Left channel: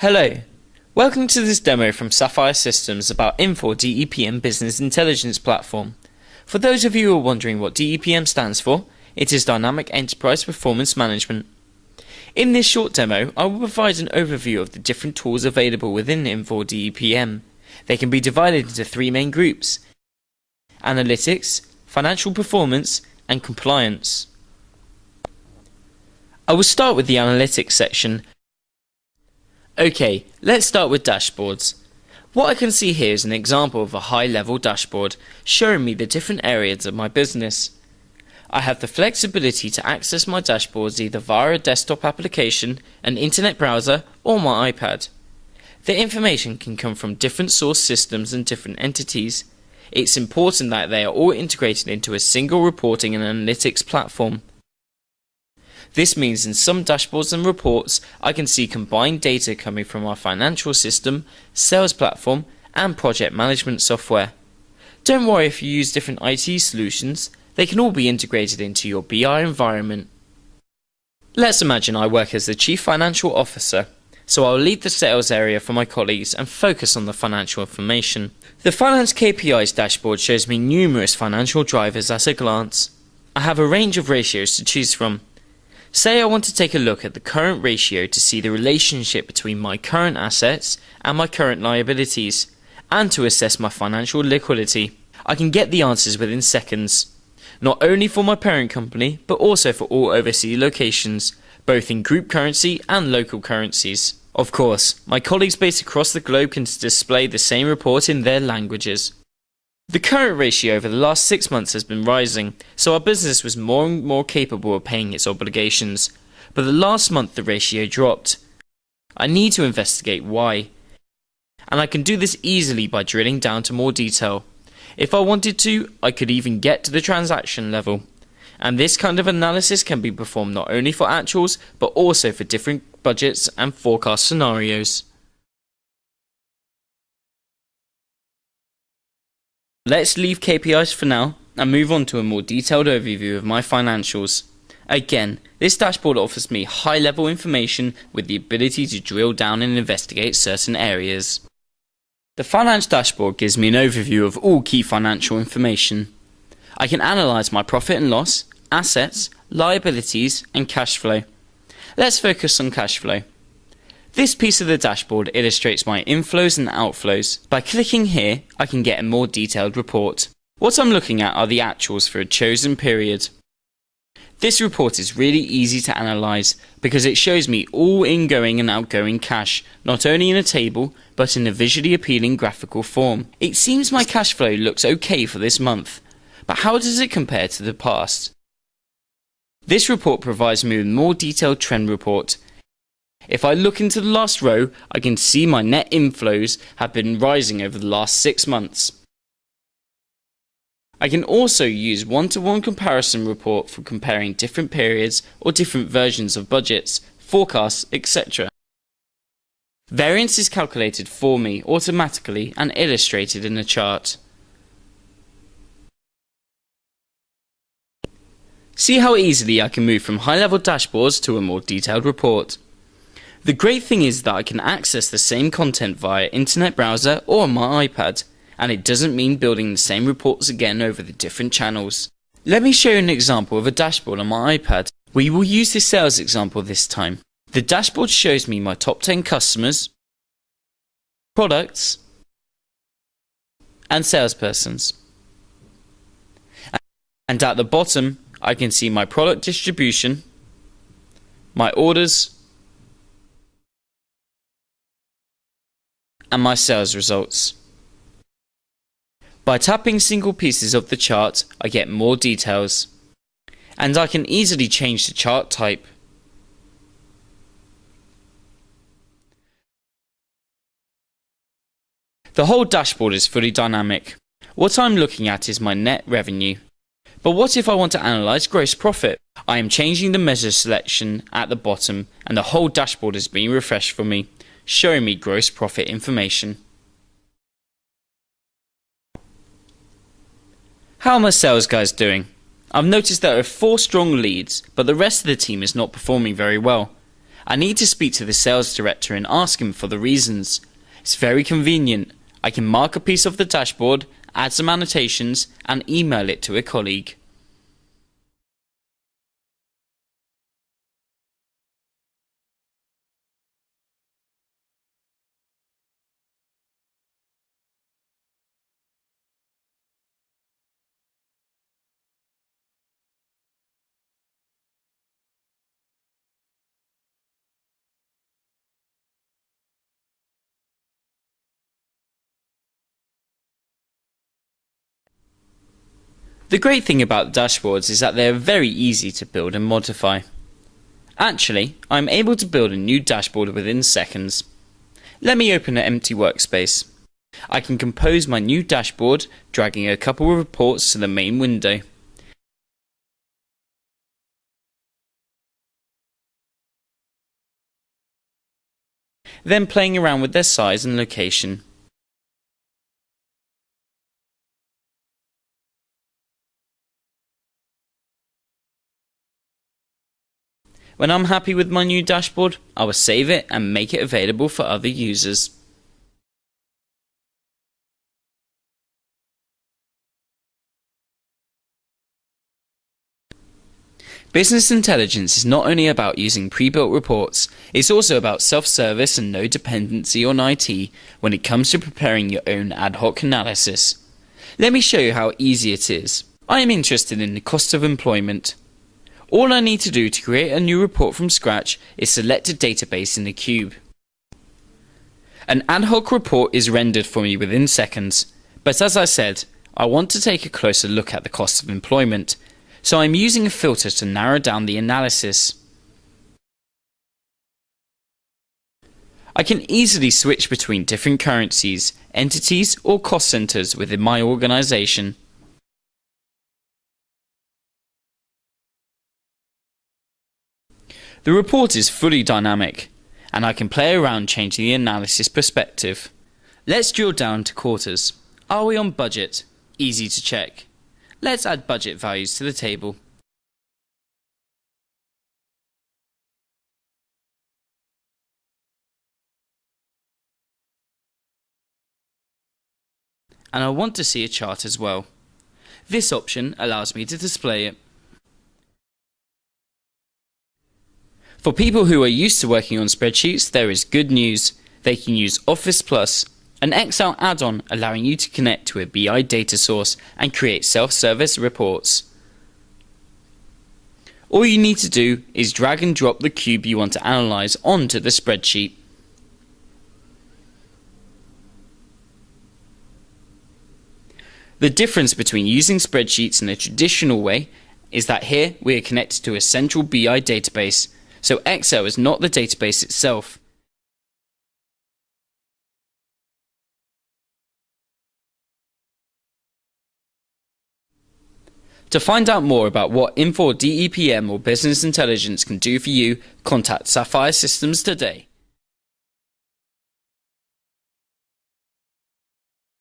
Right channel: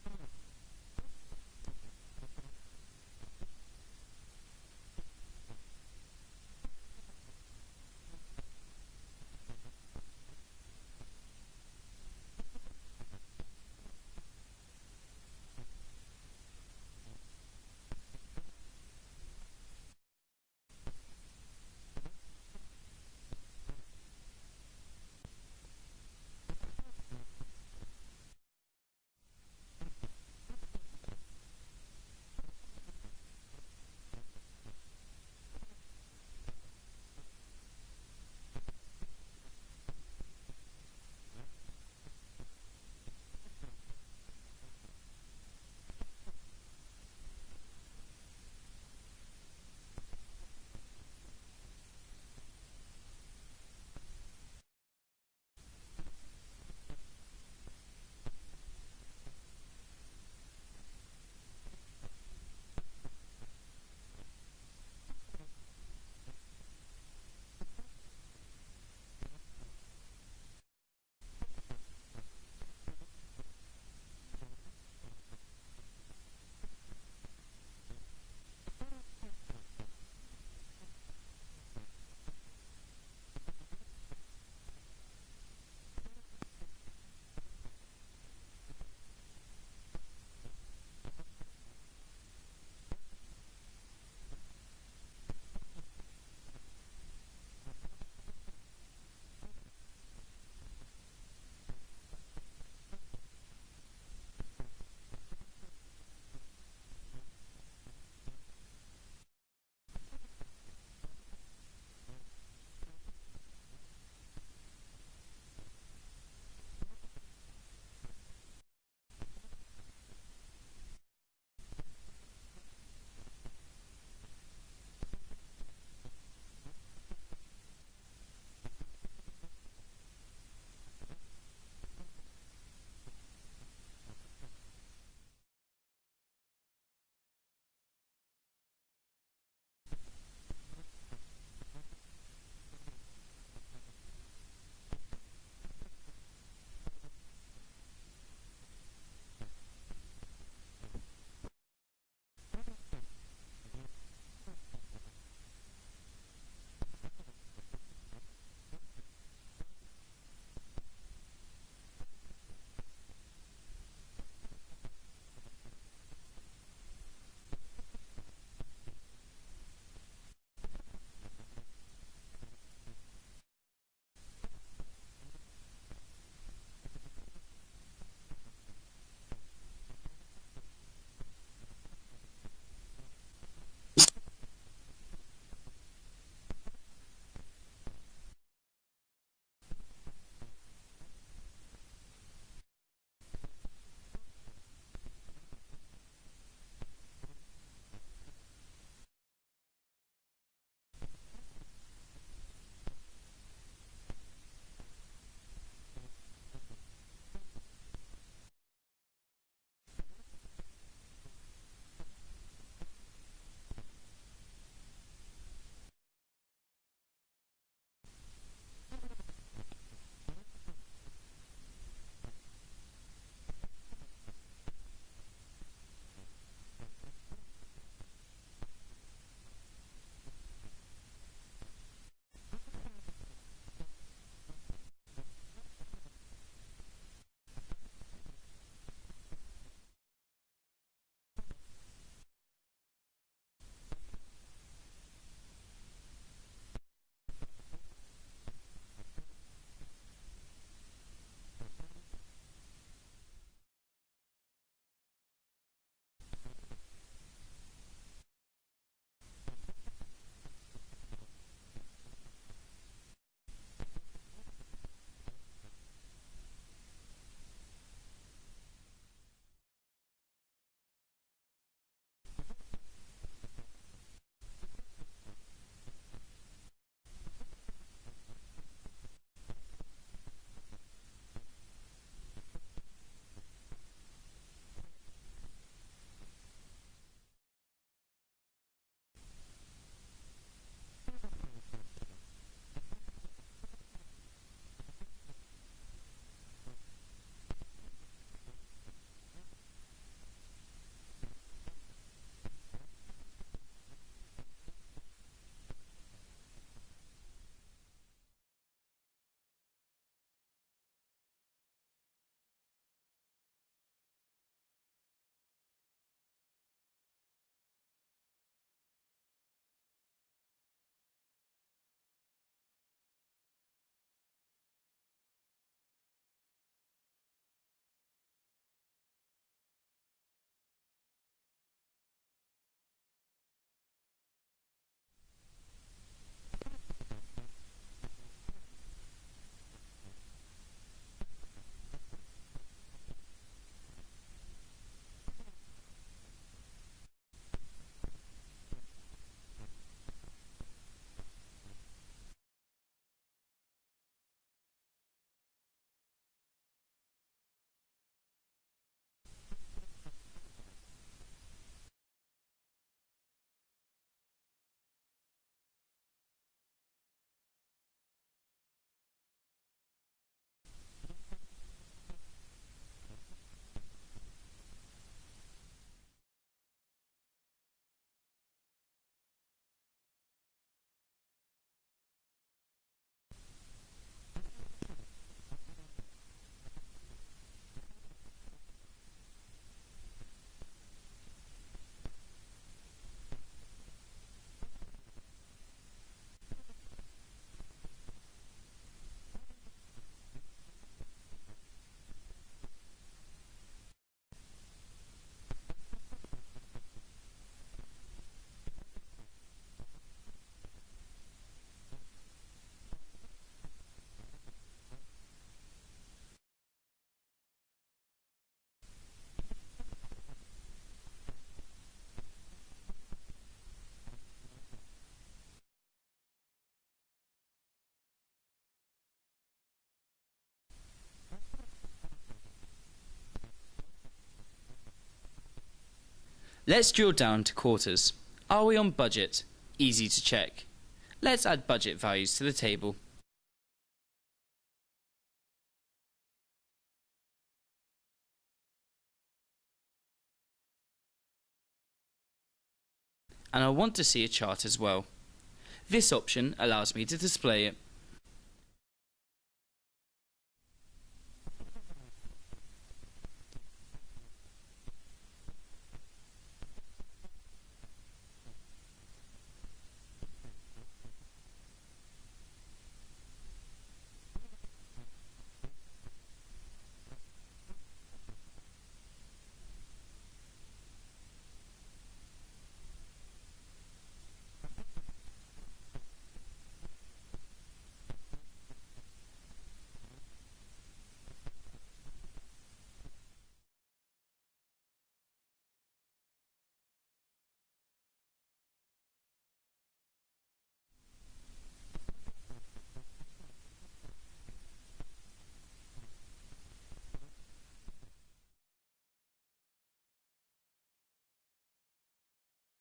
Hello, welcome to this demo from Sapphire Systems about Infor EPM Business Intelligence Platform. For those of you who are wondering what EPM stands for, it is Dynamic Enterprise Performance Management. In this short demo, I will provide an overview of the different tools available within Infor EPM. They can be divided into three main groups: analytics, financial performance, and compliance. I will start with the analytics section. Okay, let's start with dashboards. What I can see here is an example of a high-level dashboard showing me the different areas of my business. I have the flexibility to access my dashboards either via a desktop application, an internet browser, or my iPad. The information can come from different source systems and different entities. It's important that they are all integrated into a single reporting and analytics platform. This means in some dashboards and reports, I can see combined data coming from our financial system, sales platform, and project management software. Don't worry if you use different IT solutions, they can all be integrated into your BI environment. Let's imagine I work as the Chief Financial Officer, so I'll lead the sales area for my colleagues and focus on the financial information. The Finance KPIs dashboard shows me numerous financial drivers at a glance. I have a range of ratios to choose from. Say I want to take a look at the current ratio to see the relationship between my current assets and my current liabilities, and to assess my financial liquidity. I can get the answers within seconds, not only for my parent company, but also for all overseas locations, both in group currency and local currencies. Of course, my colleagues based across the globe can display the same report in their languages. The current ratio over the last 6 months has been rising, so our business was more and more capable of paying its obligations. But the last month the ratio dropped. I need to investigate why. And I can do this easily by drilling down to more detail. If I wanted to, I could even get to the transaction level. And this kind of analysis can be performed not only for actuals, but also for different budgets and forecast scenarios. Let's leave KPIs for now and move on to a more detailed overview of my financials. Again, this dashboard offers me high-level information with the ability to drill down and investigate certain areas. The finance dashboard gives me an overview of all key financial information. I can analyse my profit and loss, assets, liabilities, and cash flow. Let's focus on cash flow. This piece of the dashboard illustrates my inflows and outflows. By clicking here, I can get a more detailed report. What I'm looking at are the actuals for a chosen period. This report is really easy to analyse because it shows me all ingoing and outgoing cash, not only in a table, but in a visually appealing graphical form. It seems my cash flow looks okay for this month, but how does it compare to the past? This report provides me with a more detailed trend report. If I look into the last row, I can see my net inflows have been rising over the last 6 months. I can also use one-to-one comparison report for comparing different periods or different versions of budgets, forecasts, etc. Variance is calculated for me automatically and illustrated in a chart. See how easily I can move from high-level dashboards to a more detailed report. The great thing is that I can access the same content via internet browser or my iPad, and it doesn't mean building the same reports again over the different channels. Let me show you an example of a dashboard on my iPad. We will use the sales example this time. The dashboard shows me my top 10 customers, products, and salespersons. And at the bottom, I can see my product distribution, my orders, and my sales results. By tapping single pieces of the chart, I get more details, and I can easily change the chart type. The whole dashboard is fully dynamic. What I'm looking at is my net revenue. But what if I want to analyse gross profit? I am changing the measure selection at the bottom, and the whole dashboard is being refreshed for me, showing me gross profit information. How are my sales guys doing? I've noticed there are 4 strong leads, but the rest of the team is not performing very well. I need to speak to the sales director and ask him for the reasons. It's very convenient. I can mark a piece of the dashboard, add some annotations, and email it to a colleague. The great thing about dashboards is that they are very easy to build and modify. Actually, I'm able to build a new dashboard within seconds. Let me open an empty workspace. I can compose my new dashboard, dragging a couple of reports to the main window. Then playing around with their size and location. When I'm happy with my new dashboard, I will save it and make it available for other users. Business intelligence is not only about using pre-built reports, it's also about self-service and no dependency on IT when it comes to preparing your own ad hoc analysis. Let me show you how easy it is. I am interested in the cost of employment. All I need to do to create a new report from scratch is select a database in the cube. An ad hoc report is rendered for me within seconds, but as I said, I want to take a closer look at the cost of employment, so I'm using a filter to narrow down the analysis. I can easily switch between different currencies, entities or cost centers within my organization. The report is fully dynamic, and I can play around changing the analysis perspective. Let's drill down to quarters. Are we on budget? Easy to check. Let's add budget values to the table. And I want to see a chart as well. This option allows me to display it. For people who are used to working on spreadsheets, there is good news. They can use Office Plus, an Excel add-on allowing you to connect to a BI data source and create self-service reports. All you need to do is drag and drop the cube you want to analyze onto the spreadsheet. The difference between using spreadsheets in a traditional way is that here we are connected to a central BI database, so Excel is not the database itself. To find out more about what Infor DEPM or Business Intelligence can do for you, contact Sapphire Systems today.